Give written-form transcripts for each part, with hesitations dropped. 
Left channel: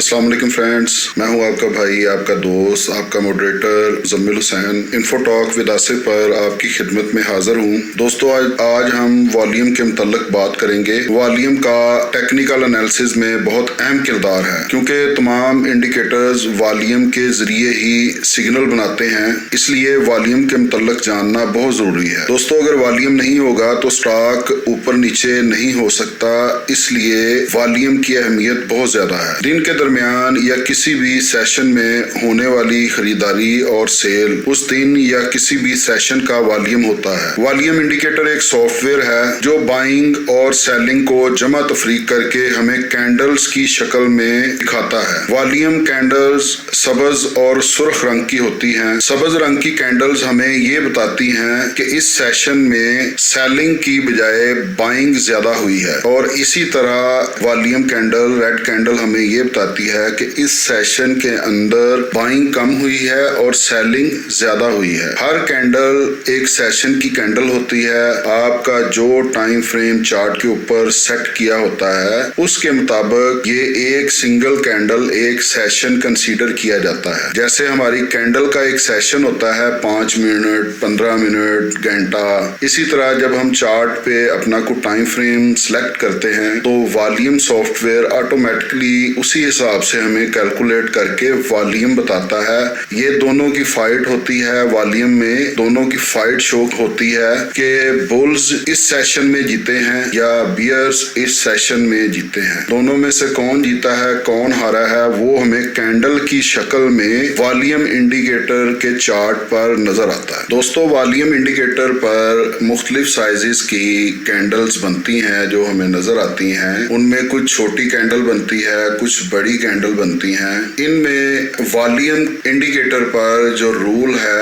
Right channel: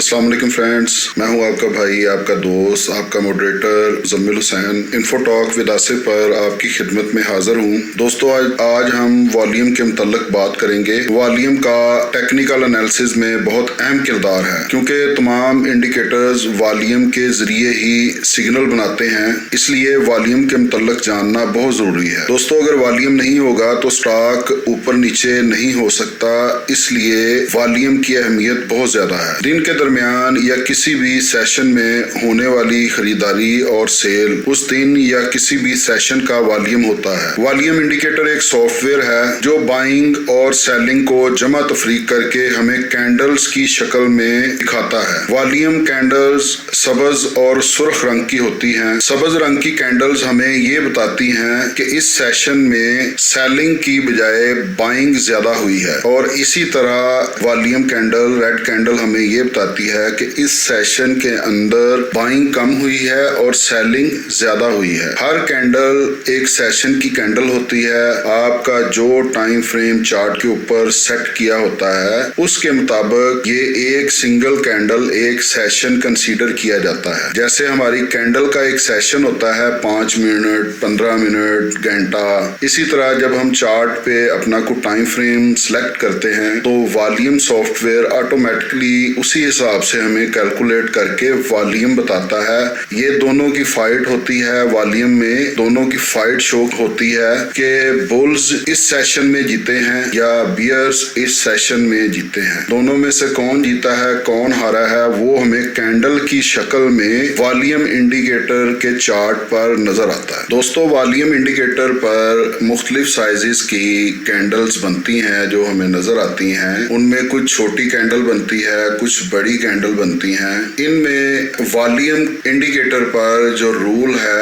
अस्सलाम वालेकुम फ्रेंड्स, मैं हूं आपका भाई, आपका दोस्त, आपका moderator Muzammil Hussain. Info talk with Asif पर आपकी खिदमत में हाजिर हूं। दोस्तों, आज हम वॉल्यूम के मुतल्लिक बात करेंगे। वॉल्यूम का टेक्निकल एनालिसिस में बहुत अहम किरदार है, क्योंकि तमाम इंडिकेटर्स वॉल्यूम के जरिए ही सिग्नल बनाते हैं, इसलिए वॉल्यूम के मुतल्लिक जानना बहुत जरूरी है। दोस्तों, अगर वॉल्यूम नहीं होगा तो स्टॉक ऊपर नीचे नहीं हो सकता, इसलिए वॉल्यूम की अहमियत बहुत ज्यादा है। दिन के दरमियान या किसी भी सेशन में होने वाली खरीदारी और सेल उस दिन या किसी भी सेशन का वॉल्यूम होता है। वॉल्यूम इंडिकेटर एक सॉफ्टवेयर है जो बाइंग और सेलिंग को जमा तफरीक करके हमें कैंडल्स की शक्ल में दिखाता है। वॉल्यूम कैंडल्स सब्ज और सुर्ख रंग की होती हैं। सब्ज रंग की कैंडल्स हमें ये बताती हैं कि इस सेशन में सेलिंग की बजाय बाइंग ज्यादा हुई है, और इसी तरह वॉल्यूम कैंडल रेड कैंडल हमें ये बताती है कि इस सेशन के अंदर बाइंग कम हुई है और सेलिंग ज्यादा हुई है। हर कैंडल एक सेशन की कैंडल होती है। आपका जो टाइम फ्रेम चार्ट के ऊपर सेट किया होता है उसके मुताबिक ये एक सिंगल कैंडल एक सेशन कंसीडर किया जाता है। जैसे हमारी कैंडल का एक सेशन होता है 5 मिनट, 15 मिनट, घंटा। इसी तरह जब हम चार्ट पे अपना को टाइम फ्रेम सिलेक्ट करते हैं तो वॉल्यूम सॉफ्टवेयर ऑटोमेटिकली उसी हिसाब से हमें कैलकुलेट करके वॉल्यूम बताता है। ये दोनों की फाइट होती है। वॉल्यूम में दोनों की फाइट शो होती है कि बुल्स इस सेशन में जीते हैं या बियर्स इस सेशन में जीते हैं। दोनों में से कौन जीता है, कौन हारा है, वो हमें कैंडल की शक्ल में वॉल्यूम इंडिकेटर के चार्ट पर नजर आता है। दोस्तों, वॉल्यूम इंडिकेटर पर मुख्तलिफ साइजेस की कैंडल्स बनती हैं जो हमें नजर आती हैं। उनमें कुछ छोटी कैंडल बनती है, कुछ बड़ी कैंडल बनती हैं। इनमें वॉल्यूम इंडिकेटर पर जो रूल है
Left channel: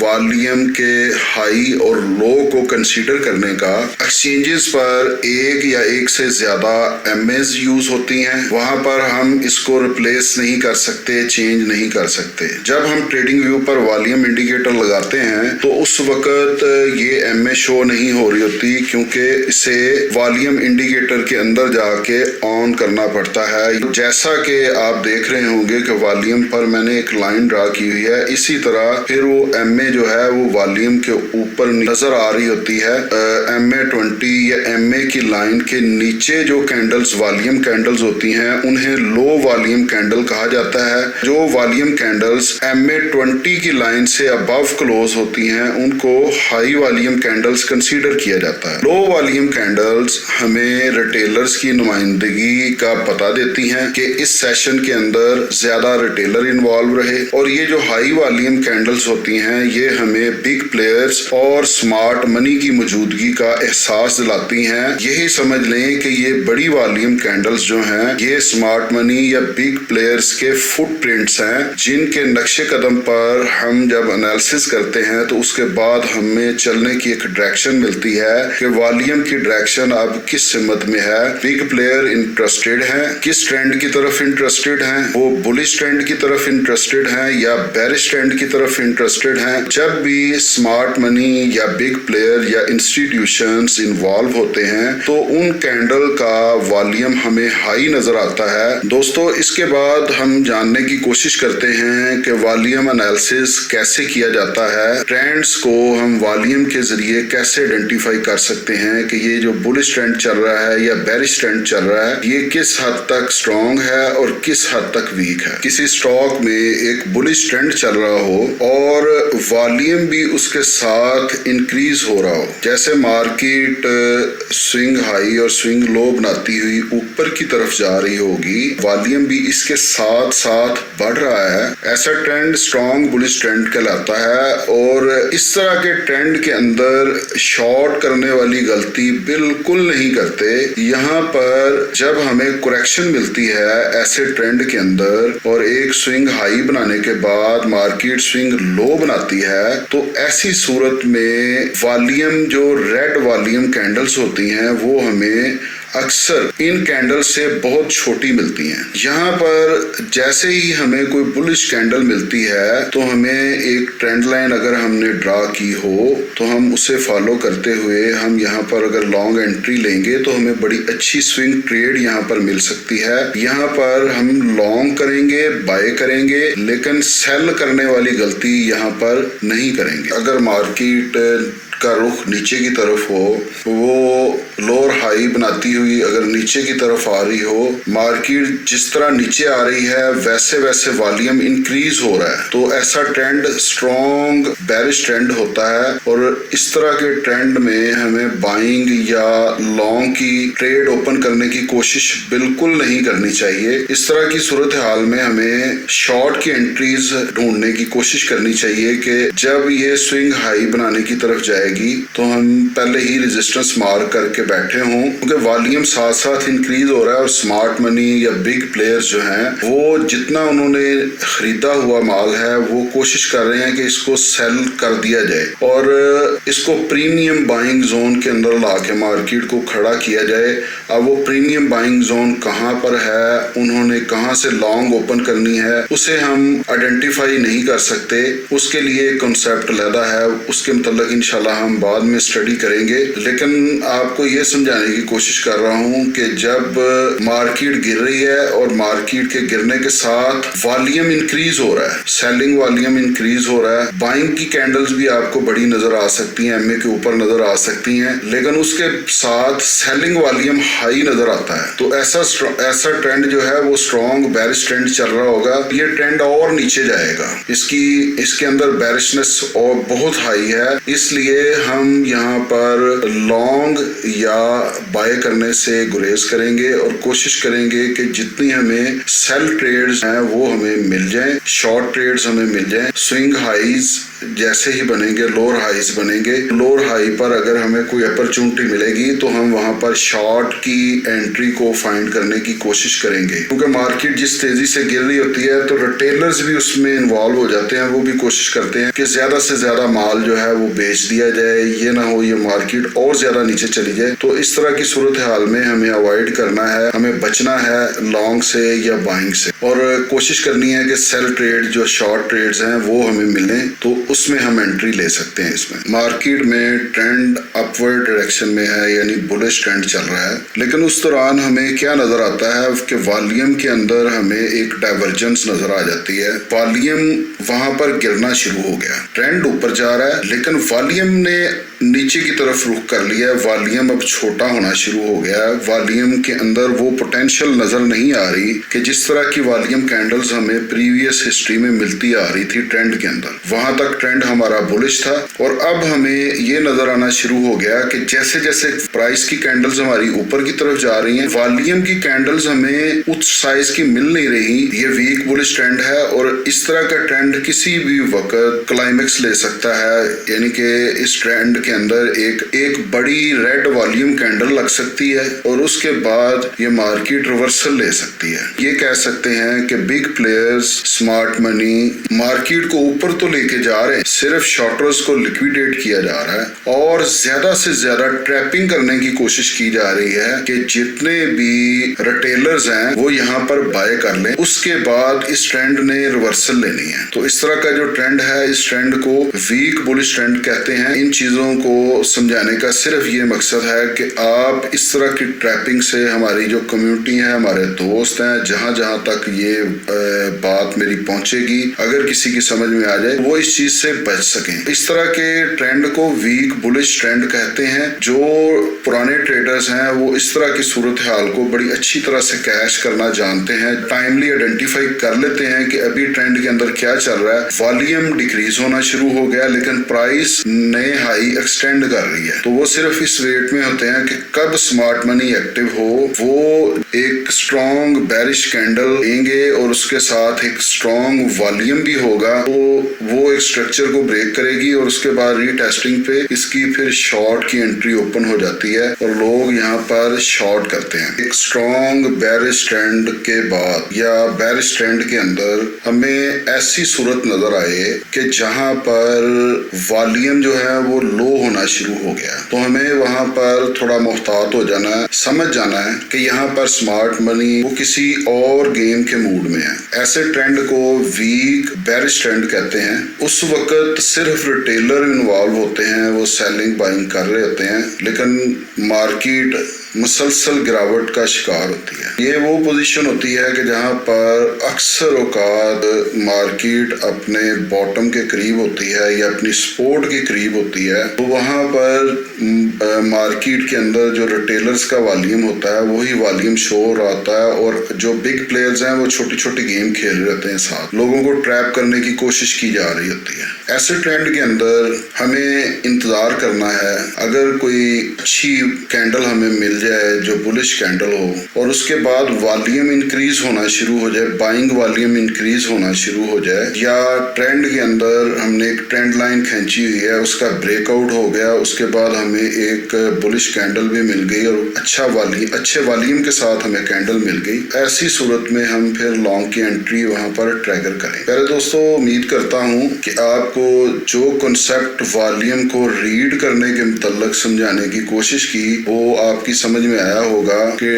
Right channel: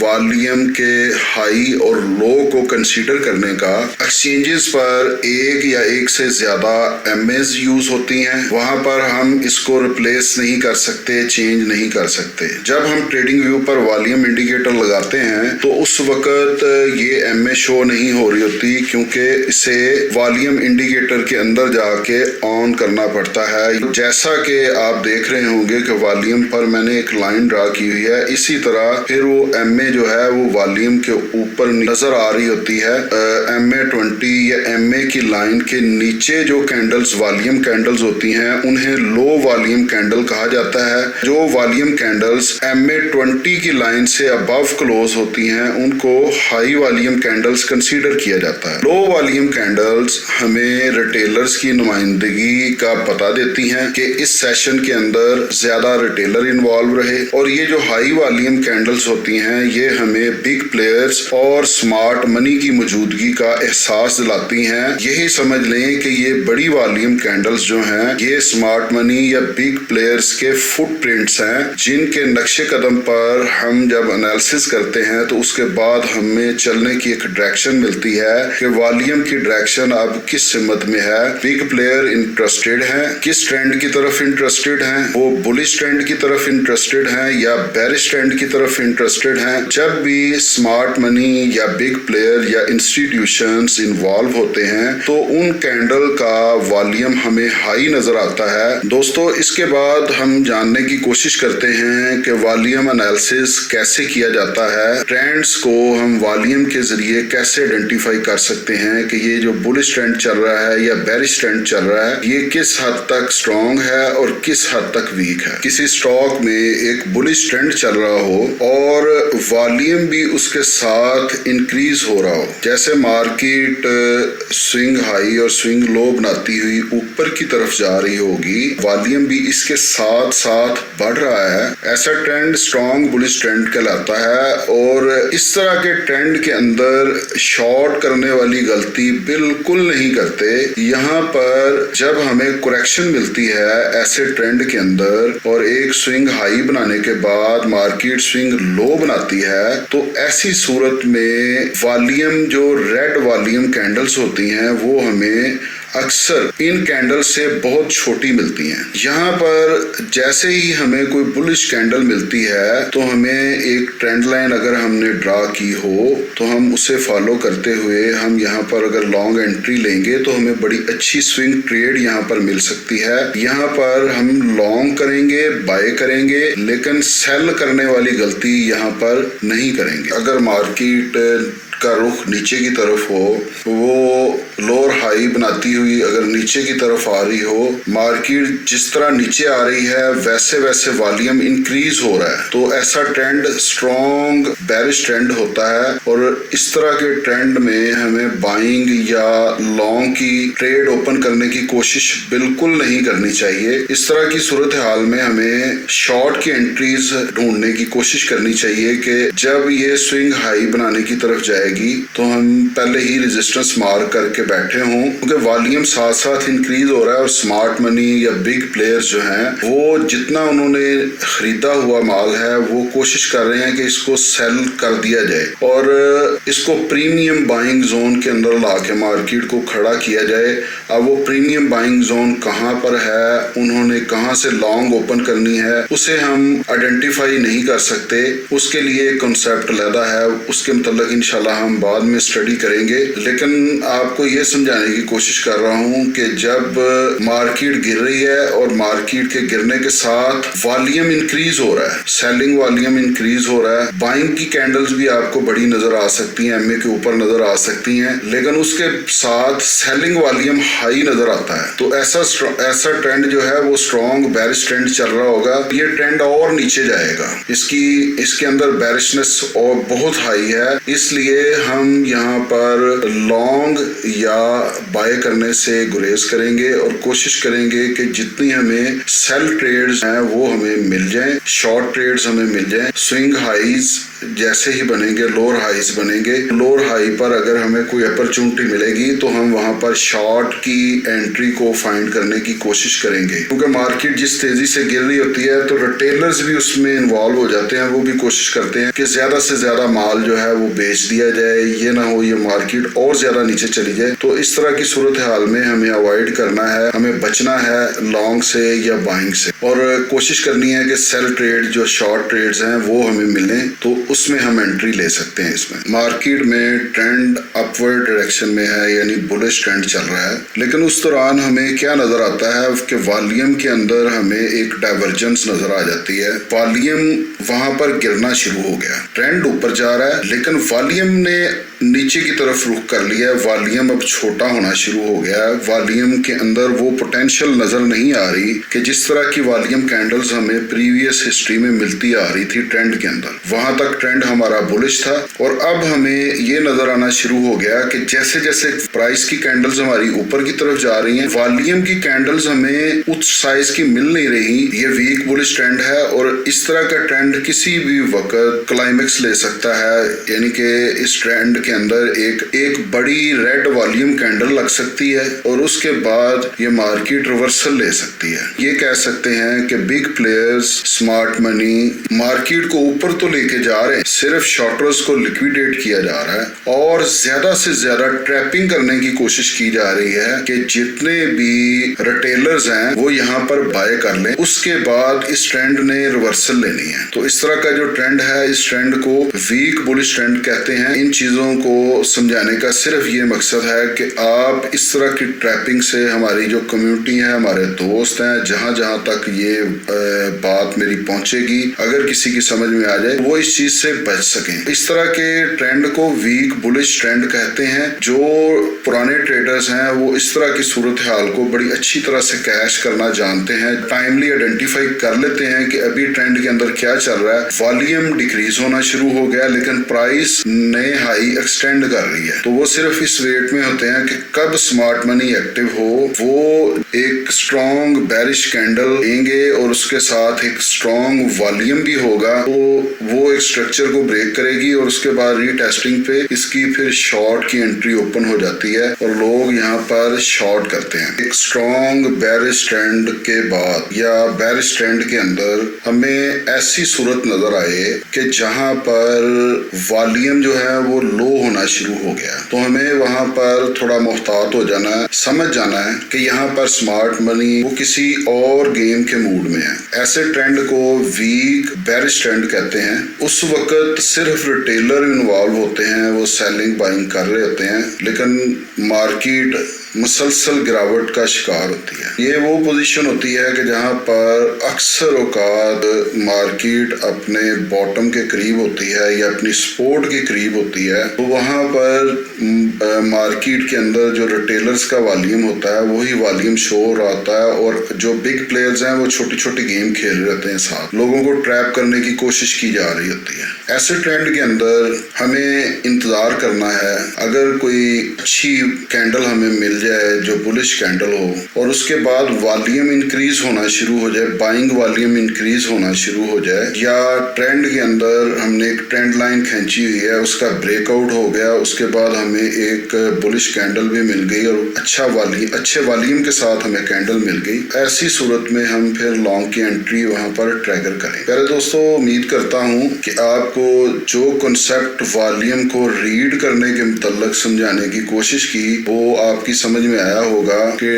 वॉल्यूम के हाई और लो को कंसीडर करने का, एक्सचेंजेस पर एक या एक से ज्यादा एमएस यूज होती हैं। वहां पर हम इसको रिप्लेस नहीं कर सकते, चेंज नहीं कर सकते। जब हम ट्रेडिंग व्यू पर वॉल्यूम इंडिकेटर लगाते हैं तो उस वक्त ये एमए शो नहीं हो रही होती, क्योंकि इसे वॉल्यूम इंडिकेटर के अंदर जाके ऑन करना पड़ता है। जैसा कि आप देख रहे होंगे कि वॉल्यूम पर मैंने एक लाइन ड्रा की हुई है, इसी तरह फिर वो एमए जो है वो वॉल्यूम के ऊपर नजर आ रही होती है। एमए 20 या एमए की लाइन के नीचे जो कैंडल्स वॉल्यूम कैंडल्स होती हैं उन्हें लो वॉल्यूम कैंडल कहा जाता है। जो वॉल्यूम कैंडल्स एमए 20 की लाइन से अबव क्लोज होती हैं उनको हाई वॉल्यूम कैंडल्स कंसीडर किया जाता है। लो वॉल्यूम कैंडल्स हमें रिटेलर्स की नुमाइंदगी का पता देती हैं कि इस सेशन के अंदर ज्यादा रिटेलर इन्वॉल्व रहे, और ये जो हाई वॉल्यूम कैंडल्स होती हैं ये हमें बिग प्लेयर्स और स्मार्ट मनी की मौजूदगी का एहसास दिलाती हैं। यही समझ लें कि ये बड़ी वॉल्यूम कैंडल्स जो हैं ये स्मार्ट मनी या बिग प्लेयर्स के फुटप्रिंट्स हैं, जिनके नक्शे कदम पर हम जब एनालिसिस करते हैं तो उसके बाद हमें चलने की एक डायरेक्शन मिलती है कि वॉल्यूम की डायरेक्शन अब किस सिमत में है। बिग प्लेयर इंटरेस्टेड हैं, किस ट्रेंड की तरफ इंटरेस्टेड हैं, वो बुलिश ट्रेंड की तरफ इंटरेस्टेड हैं या बेरिश ट्रेंड की तरफ इंटरेस्टेड हैं। जब भी स्मार्ट मनी या बिग प्लेयर या इंस्टीट्यूशंस इन्वॉल्व होते हैं तो उन कैंडल का वॉल्यूम हमें हाई नजर आता है। दोस्तों, इसके बाद हम जानने की कोशिश करते हैं कि वॉल्यूम एनालिसिस कैसे किया जाता है। ट्रेंड्स को हम वॉल्यूम के जरिए कैसे आइडेंटिफाई कर सकते हैं कि ये जो बुलिश ट्रेंड चल रहा है या बेरिश ट्रेंड चल रहा है ये किस हद तक स्ट्रॉन्ग है और किस हद तक वीक है। किसी स्टॉक में एक बुलिश ट्रेंड चल रहा हो और वॉल्यूम भी उसके साथ इंक्रीज हो रहा हो, जैसे मार्केट स्विंग हाई और स्विंग लो बनाती हुई ऊपर की तरफ जा रही होगी, वॉल्यूम भी इसके साथ साथ बढ़ रहा है, ऐसा ट्रेंड स्ट्रॉन्ग बुलिश ट्रेंड कहलाता है। और इस तरह के ट्रेंड के अंदर शॉर्ट करने वाली गलती बिल्कुल नहीं करते। यहाँ पर जब हमें करेक्शन मिलती है ऐसे ट्रेंड के अंदर और एक स्विंग हाई बनाने के बाद मार्केट स्विंग लो बनाती है, तो ऐसी सूरत में वॉल्यूम जो रेड वॉल्यूम कैंडल्स होती हैं वो हमें अक्सर इन कैंडल से बहुत छोटी मिलती हैं। यहाँ पर जैसे ही हमें कोई बुलिश कैंडल मिलती है तो हमें एक ट्रेंड लाइन अगर हमने ड्रा की हो तो हम उसे फॉलो करते हुए हम यहाँ पर अगर लॉन्ग एंट्री लेंगे तो हमें बड़ी अच्छी स्विंग ट्रेड यहाँ पर मिल सकती है। यहाँ पर हम लॉन्ग करेंगे, बाय करेंगे, लेकिन सेल करने वाली गलती यहाँ पर नहीं करेंगे। अगर मार्केट का रुख नीचे की तरफ हो, वो लोअर हाई बनाती हुई अगर नीचे की तरफ आ रही हो, मार्केट जिस तरह नीचे आ रही है वैसे वैसे वॉल्यूम इंक्रीज हो रहा है, तो ऐसा ट्रेंड स्ट्रॉन्ग बेरिश ट्रेंड होता है। और इस तरह के ट्रेंड में हमें बाइंग या लॉन्ग की ट्रेड ओपन करने की कोशिश बिल्कुल नहीं करनी चाहिए। इस तरह की सूरत हाल में हमें शॉर्ट की एंट्रीज ढूंढने की कोशिश करनी चाहिए कि जब ये स्विंग हाई बनाने की तरफ जाएगी तो हम पहले ही रेजिस्टेंस मार्क करके बैठे हों, क्योंकि वॉल्यूम साथ साथ इंक्रीज हो रहा है और स्मार्ट मनी या बिग प्लेयर्स जो हैं वो जितना उन्होंने खरीदा हुआ माल है वो कोशिश कर रहे हैं कि इसको सेल कर दिया जाए और इसको प्रीमियम बाइंग जोन के अंदर ला के मार्केट को खड़ा किया जाए। अब वो प्रीमियम बाइंग जोन कहाँ पर है, उन्होंने कहाँ से लॉन्ग ओपन करनी है, उसे हम आइडेंटिफाई नहीं कर सकते। उसके लिए कॉन्सेप्ट लगा है, उसके मतलब इंशाल्लाह हम बाद में स्टडी करेंगे। लेकिन आपको ये समझाने की कोशिश कर रहा हूँ कि जब मार्केट गिर रही है और मार्केट के गिरने के साथ वॉल्यूम इंक्रीज हो रहा है, सेलिंग वॉल्यूम इंक्रीज हो रहा है, बाइंग की कैंडल्स भी आपको बड़ी नजर आ सकती हैं, एमए के ऊपर नजर आ सकती हैं, लेकिन उसके साथ सेलिंग वॉल्यूम हाई नजर आता है, तो ऐसा ट्रेंड जो है वो स्ट्रॉन्ग बेरिश ट्रेंड चल रहा होगा। ये ट्रेंड और नीचे जाएगा, इसके अंदर बेरिशनेस और बहुत हाई है, इसलिए हम यहाँ पर लॉन्ग या बाय करने से गुरेज करेंगे और कोशिश करेंगे कि जितनी हमें सेल ट्रेड्स हैं वो हमें मिल जाएं, शॉर्ट ट्रेड्स हमें मिल जाएं। स्विंग हाईज जैसे ही बनेंगे लोअर हाईज बनेंगे, लोअर हाई पर अगर हमें कोई अपॉर्चुनिटी मिलेगी तो हम वहां पर शॉर्ट की एंट्री को फाइंड करने की कोशिश करेंगे, क्योंकि मार्केट जिस तेजी से गिर रही होती है तो रिटेलर्स भी उसमें इन्वॉल्व हो जाते हैं, वो भी कोशिश करते हैं कि ज्यादा से ज्यादा माल जो है वो बेच दिया जाए, ये ना हो ये मार्केट और ज्यादा नीचे चली जाए। तो इस तरह की सूरत हाल में हमें अवॉइड करना है, हमें बचना है लॉन्ग से या बाइंग से, और कोशिश करनी है कि सेल ट्रेड जो शॉर्ट ट्रेड्स हैं वो हमें मिलें, तो उसमें हम एंट्री ले सकते हैं। इसमें मार्केट में ट्रेंड अपवर्ड डायरेक्शन में है, यानी बुलिश ट्रेंड चल रहा है, लेकिन उस दौरान हमें क्या नजर आता है कि वॉल्यूम के अंदर हमें एक डाइवर्जेंस नजर आ जाती है। वॉल्यूम वहां पर गिरना शुरू हो गया, ट्रेंड ऊपर जा रहा है लेकिन वॉल्यूम ने नीचे की तरफ रुख कर लिया, वॉल्यूम अब छोटा होना शुरू हो गया है। वॉल्यूम के अंदर वो पोटेंशियल नजर नहीं आ रही कि जिस तरह की वॉल्यूम कैंडल्स हमें प्रीवियस हिस्ट्री में मिलती आ रही थी ट्रेंड के अंदर। वहां तक ट्रेंड हमारा बुलिश था और अब हमें ये नजर आना शुरू हो गया कि जैसे जैसे प्राइस की कैंडल्स हमारी ऊपर की तरफ जा रही हैं, वॉल्यूम की कैंडल्स हमें उस साइज की मिल नहीं रही। ये वीक बुलिश ट्रेंड है और इस तरह का ट्रेंड किसी भी वक्त क्लाइमेक्स ले सकता है, यानी कि इस ट्रेंड के अंदर एक बड़ी रेड वॉल्यूम कैंडल लग सकती है और उसके बाद ये मार्केट रिवर्सल ले सकती है। ये कह सकते हैं कि big players, smart money market को ऊपर तो लेके जा रहे हैं, सिर्फ शॉर्टर्स को लिक्विडेट किया जा रहा है और ज्यादा से ज्यादा ट्रैपिंग करने की कोशिश की जा रही है कि जितने भी रिटेलर्स हैं वो यहाँ पर बाय कर लें, उसके बाद इस ट्रेंड ने रिवर्सल लेनी है। तो इस तरह का जो ट्रेंड है, इस ट्रेंड को वीक बुलिश ट्रेंड कहते हैं। इन चीजों को समझाने का सिर्फ ये मकसद है कि आप इस तरह की ट्रैपिंग से, हमारी जो कम्युनिटी है, हमारे दोस्त हैं, जहां जहां तक ये बात मेरी पहुंचेगी, अगर किसी की समझ में आ जाए वो इस चीज से बच सकें। इस तरह के ट्रेंड को वीक बुलिश ट्रेंड कहते हैं। जो पुराने ट्रेडर्स हैं वो इस तरह की सूरत हाल को बड़ी अच्छी तरह से कैश करना जानते हैं, टाइमली आइडेंटिफाई कर लेते हैं कि अभी ट्रेंड के अंदर क्या चल रहा है। वॉल्यूम डिक्रीज होना शुरू हो गया लेकिन प्राइस नए हाई एक्सटेंड कर रही है, तो वो सिर्फ इस वेट में होते हैं कि कब स्मार्ट मनी एक्टिव हो, वो एक स्ट्रॉन्ग बेरिश कैंडल देंगे और उसके साथ एक स्ट्रॉन्ग वॉल्यूम भी होगा, तो वो एक स्ट्रक्चर को ब्रेक करेगी और उसके बाद रीटेस्टिंग पे इसकी फिर शॉर्ट की एंट्री ओपन हो जाती है और लोग यहाँ पर शॉर्ट करते हैं। एक स्ट्रॉन्ग बेरिश ट्रेंड के बाद या बेरिश ट्रेंड के अंदर हमें ऐसी सूरत नजर आए कि जहां पर वॉल्यूम जो है वो लो होना शुरू हो गया, तो हमें वहां पर थोड़ा मुहतात हो जाना है, समझ जाना है कि यहाँ पर स्मार्ट मनी वो किसी और गेम के मूड में है। ऐसे ट्रेंड को वीक बेरिश ट्रेंड कहते हैं। उस वक्त सिर्फ रिटेलर इन्वॉल्व होते हैं, वो सेलिंग बाइंग कर रहे होते हैं, लेकिन मार्केट मुसलसल गिरावट का शिकार होती है। ये वो पोजीशन होती है कि जहाँ पर अक्सर औकात मार्केट अपने बॉटम के करीब होती है या अपनी सपोर्ट के करीब होती है, तो वहाँ पर मार्केट के अंदर जो रिटेलर्स का वॉल्यूम होता है वही वॉल्यूम शो हो रहा होता है और जो बिग प्लेयर्स हैं वो छोटी छोटी गेम खेल रहे होते हैं, साथ लोगों को ट्रैप करने की कोशिश की जा रही होती है। ऐसे ट्रेंड के अंदर हमें इंतजार करना है। अगर कोई अच्छी कैंडल हमें मिल जाए जो बुलिश कैंडल हो और उसके बाद वॉल्यूम इंक्रीज होना शुरू हो जाए, बाइंग वॉल्यूम इंक्रीज होना शुरू हो जाए, या ट्रेंड के अंदर हमने एक ट्रेंड लाइन खींची हुई है उसका ब्रेकआउट हो गया, उसके बाद हमें एक बुलिश कैंडल भी मिल गई और अच्छे वॉल्यूम के साथ हमें कैंडल मिल गई, ऐसी सूरत में हम फिर लॉन्ग की एंट्री वहां पर ट्रैगर करें। पहले दोस्तों उम्मीद करता हूं कि आपको जो कॉन्सेप्ट वॉल्यूम को रीड करने के मुतल्लिक समझाने की कोशिश की वो आपकी समझ में आया होगा कि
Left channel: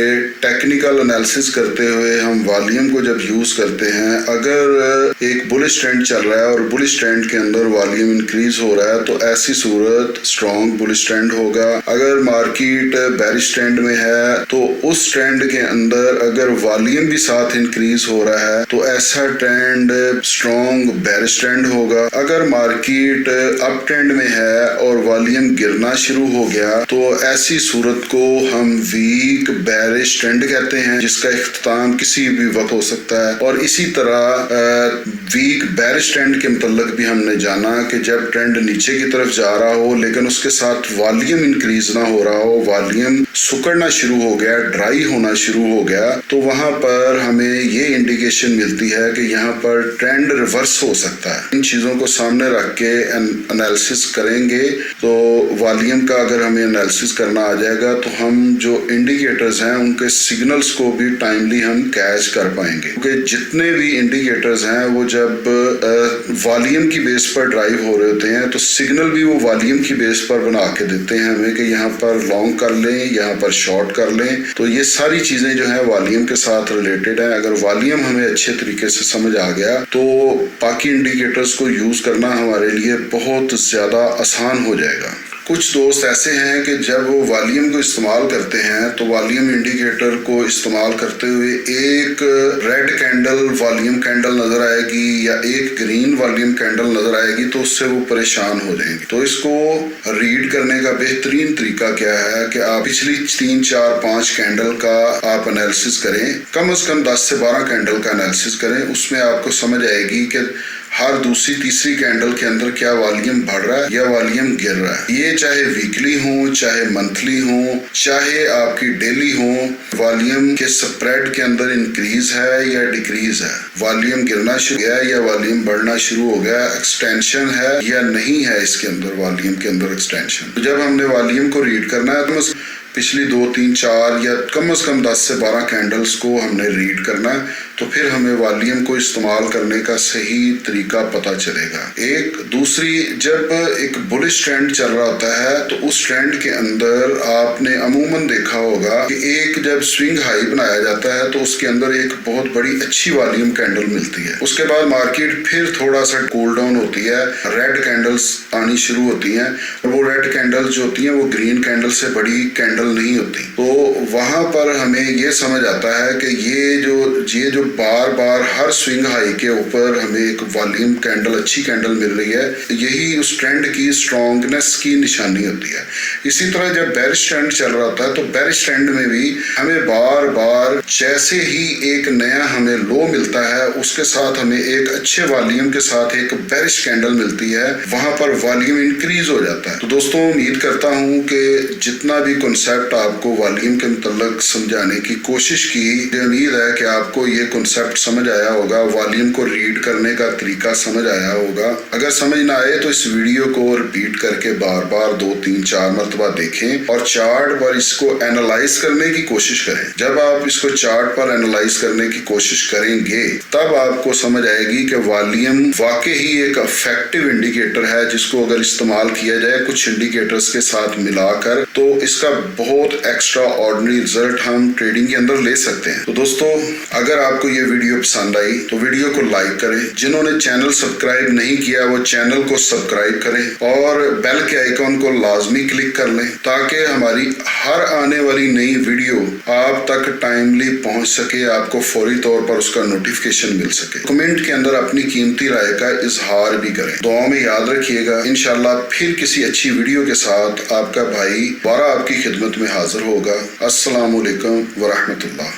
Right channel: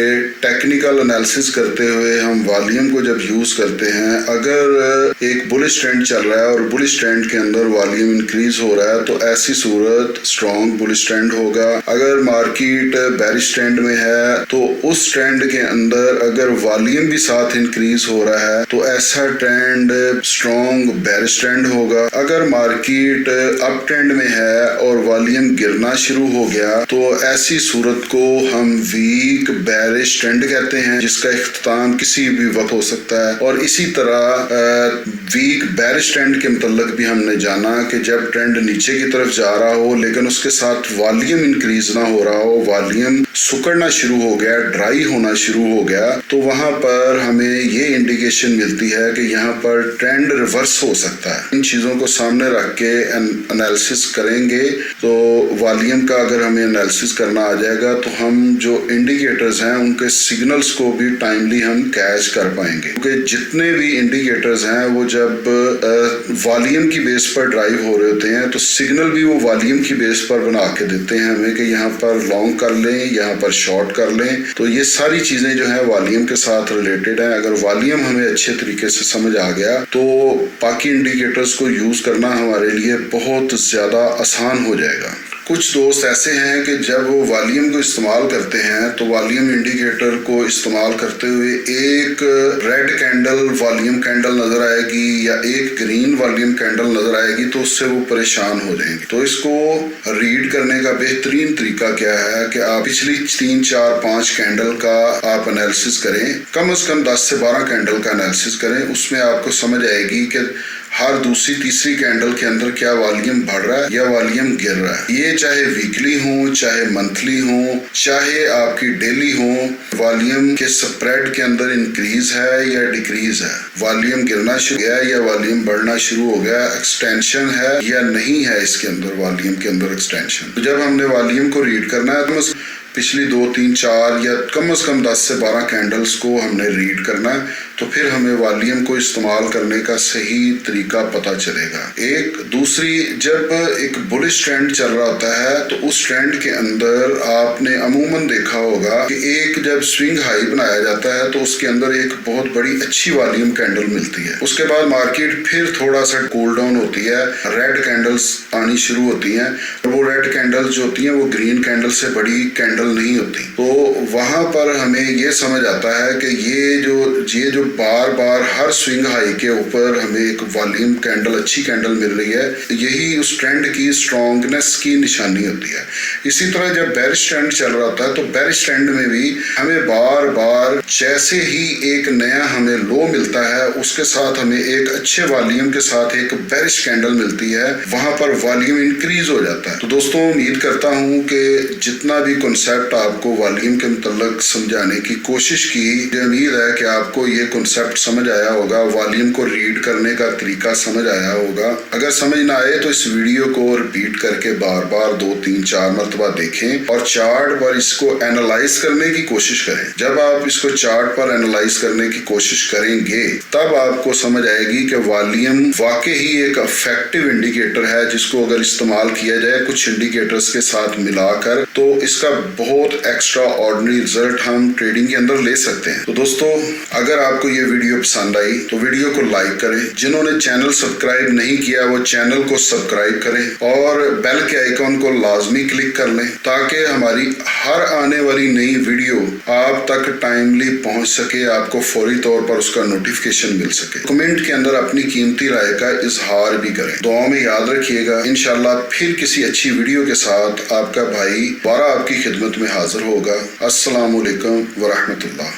टेक्निकल एनालिसिस करते हुए हम वॉल्यूम को जब यूज करते हैं, अगर एक बुलिश ट्रेंड चल रहा है और बुलिश ट्रेंड के अंदर वॉल्यूम इंक्रीज हो रहा है तो ऐसी सूरत स्ट्रॉन्ग बुलिश ट्रेंड होगा। अगर मार्केट बेरिश ट्रेंड में है तो उस ट्रेंड के अंदर अगर वॉल्यूम भी साथ इंक्रीज हो रहा है तो ऐसा ट्रेंड स्ट्रॉन्ग बेरिश ट्रेंड होगा। अगर मार्केट अप ट्रेंड में है और वॉल्यूम गिरना शुरू हो गया तो ऐसी सूरत को हम वीक बेरिश ट्रेंड कहते हैं, जिसका इख्तिताम किसी भी वक्त हो सकता है। और इसी तरह वीक बेरिश ट्रेंड के मुतल्लिक भी हमने जाना कि जब ट्रेंड नीचे की तरफ जा रहा हो लेकिन उसके साथ वॉल्यूम इंक्रीज ना हो रहा हो, वॉल्यूम सुकड़ना शुरू हो गया, ड्राई होना शुरू हो गया, तो वहां पर हमें ये इंडिकेशन मिलती है कि यहाँ पर ट्रेंड रिवर्स हो सकता है। इन चीजों को सामने रख के एनालिसिस करेंगे तो वॉल्यूम का अगर हमें एनालिसिस करना आ जाएगा तो हम जो इंडिकेटर्स हैं उनके सिग्नल्स को भी टाइमली हम कैच कर पाएंगे, क्योंकि जितने भी इंडिकेटर्स हैं वो जब वॉल्यूम की बेस पर ड्राइव हो रहे होते हैं तो सिग्नल भी वो वॉल्यूम की बेस पर बना के देते हैं हमें कि यहाँ पर लॉन्ग कर लें, यहाँ पर शॉर्ट कर लें। तो ये सारी चीजें जो है वॉल्यूम के साथ रिलेटेड है। अगर वॉल्यूम हमें अच्छे तरीके से समझ आ गया तो बाकी इंडिकेटर्स को यूज करना हमारे लिए बहुत ज्यादा आसान हो जाएगा। कुछ दोस्त ऐसे हैं कि जब वो वॉल्यूम को इस्तेमाल करते हैं तो वॉल्यूम इंडिकेटर को इस्तेमाल करते हुए एक रेड कैंडल वॉल्यूम कैंडल नजर आएगी या एक ग्रीन वॉल्यूम कैंडल नजर आएगी तो उससे वो परेशान हो जाएंगे। तो इसको रीड करने का बेहतरीन तरीका क्या है कि आप पिछली 3, 4, 5 कैंडल का आप एनालिसिस करें, कम से कम 10 से 12 कैंडल का एनालिसिस करें। उसमें आपको समझ आएगी कि हर दूसरी तीसरी कैंडल के अंदर क्या वॉल्यूम बढ़ रहा है या वॉल्यूम गिर रहा है। ये चाहे वीकली हो, चाहे मंथली हो, चाहे आपकी डेली हो, वॉल्यूम के स्प्रेड के अंदर इंक्रीज है या डिक्रीज है, वॉल्यूम गिरना शुरू हो गया या वॉल्यूम बढ़ना शुरू हो गया, एक्सटेंशन है या नहीं है इसके अंदर, वॉल्यूम के अंदर एक्सटेंशन। तो जब हमने वॉल्यूम को रीड करना है तो पिछली 2, 3, 4 या कम से कम 10 से 12 कैंडल्स को हमने रीड करना है तो फिर हमें वॉल्यूम को इस्तेमाल करने का सही तरीका पता चलेगा। एक दूसरी, जब एक बुलिश ट्रेंड चल रहा होता है तो उस ट्रेंड के अंदर आपने अमूमन देखा होगा कि एक जब स्विंग हाई बनाया जाता है तो उसके अंदर एक बहुत बड़ी अच्छी वॉल्यूम कैंडल मिलती है। उसके बाद मार्केट फिर थोड़ा सा कूल डाउन होती है, रेड कैंडल्स आनी शुरू होती हैं और वो रेड कैंडल्स जो होती हैं वो ग्रीन कैंडल से बड़ी कैंडल नहीं होती। तो वहां पर हमें ये समझ आता है कि ये जो बार बार हर स्विंग हाई के ऊपर हमें एक वॉल्यूम कैंडल, अच्छी कैंडल मिल रही है, यही उस ट्रेंड की स्ट्रॉन्गनेस की निशानी होती है। इसी तरह जब बेरिश ट्रेंड चल रहा होता है तो बेरिश ट्रेंड में भी हमें बार बार जैसे ही एक नया हमें लो मिलता है उसके साथ हमें एक अच्छे वॉल्यूम के साथ एक बेरिश कैंडल मिलती है, वहां पर वॉल्यूम इंक्रीज हो जाता है। तो दोस्तों उम्मीद करता हूं कि जितना भी कॉन्सेप्ट आपको वॉल्यूम के मुतल्लिक समझाने की कोशिश की, उम्मीद है कि आपको ये कॉन्सेप्ट समझ आया होगा, वॉल्यूम को रीड करने का तरीका समझ आया होगा। अगर समझ ना आए तो इस वीडियो को रिपीट करके बार बार 2, 3, 4 मरतबा देखें और चार्ट पर इसको एनालाइज करने की कोशिश करें। जब आप इसको चार्ट पर एनालाइज करने की कोशिश करेंगे तब आपको समझ आएगी कि वॉल्यूम वाकई ही एक इफेक्टिव इंडिकेटर है जिसको अगर इस्तेमाल किया जाए कुछ इंडिकेटर्स के साथ मिलाकर तो इसका बहुत एक्स्ट्रा ऑर्डिनरी रिजल्ट हम ट्रेडिंग के अंदर ले सकते हैं। तो दोस्तों अगर आपको आपको ये वीडियो पसंद आई तो वीडियो को लाइक करें, जिन्होंने चैनल सब्सक्राइब नहीं किया वो चैनल को सब्सक्राइब करें और बेल के आइकॉन को लाजमी क्लिक कर लें ताकि हमारी हर आने वाली नई वीडियो आप तक टाइमली पहुंच सके, आपको फौरी तौर पर उसका नोटिफिकेशन मिल सके। कमेंट के अंदर अपनी कीमती राय का इजहार भी करें। दुआ में याद रखिएगा, इंशाल्लाह फिर किसी अच्छी वीडियो के साथ आपका भाई दोबारा आपकी खिदमत में हाजिर होगा। अस्सलाम वालेकुम व रहमतुल्लाह।